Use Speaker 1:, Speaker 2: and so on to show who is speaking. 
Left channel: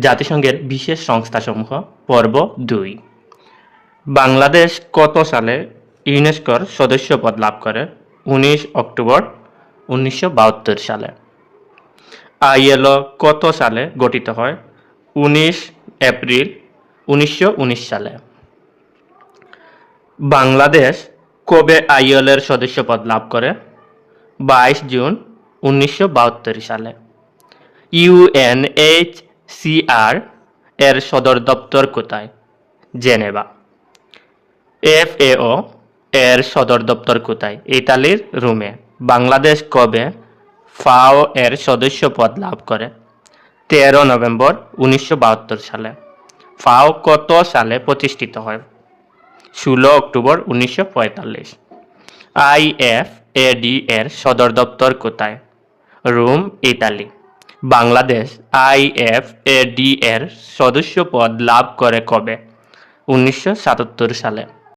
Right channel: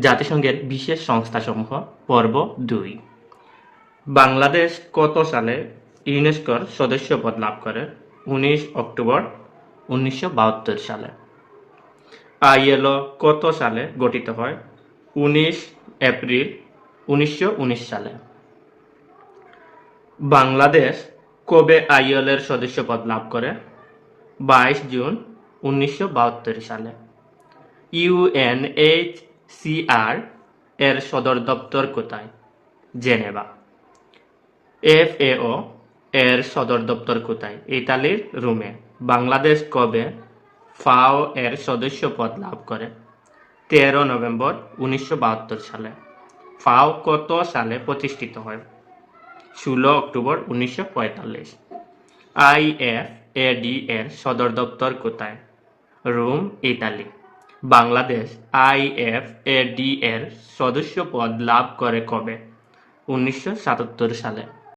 Speaker 1: জাতিসংঘের বিশেষ সংস্থাসমূহ, পর্ব দুই। বাংলাদেশ কত সালে ইউনেস্কোর সদস্যপদ লাভ করে? উনিশ অক্টোবর উনিশশো বাহাত্তর সালে। আইএলও কত সালে গঠিত হয়? উনিশ এপ্রিল উনিশশো উনিশ সালে। বাংলাদেশ কবে আইএলএর সদস্যপদ লাভ করে? বাইশ জুন উনিশশো বাহাত্তর সালে। ইউএনএইচসিআর এর সদর দপ্তর কোথায়? জেনেভা। এফএও এর সদর দপ্তর কোথায়? ইতালির রোমে। বাংলাদেশ কবে ফাও এর সদস্য পদ লাভ করে? তেরো নভেম্বর উনিশশো বাহাত্তর সালে। ফাও কত সালে প্রতিষ্ঠিত হয়? ষোলো অক্টোবর উনিশশো পঁয়তাল্লিশ। আইএফ এডি এর সদর দপ্তর কোথায়? Rome, Italy. Bangladesh IF AD এর সদস্য পদ লাভ করে কবে? উনিশশো সাতাত্তর সালে।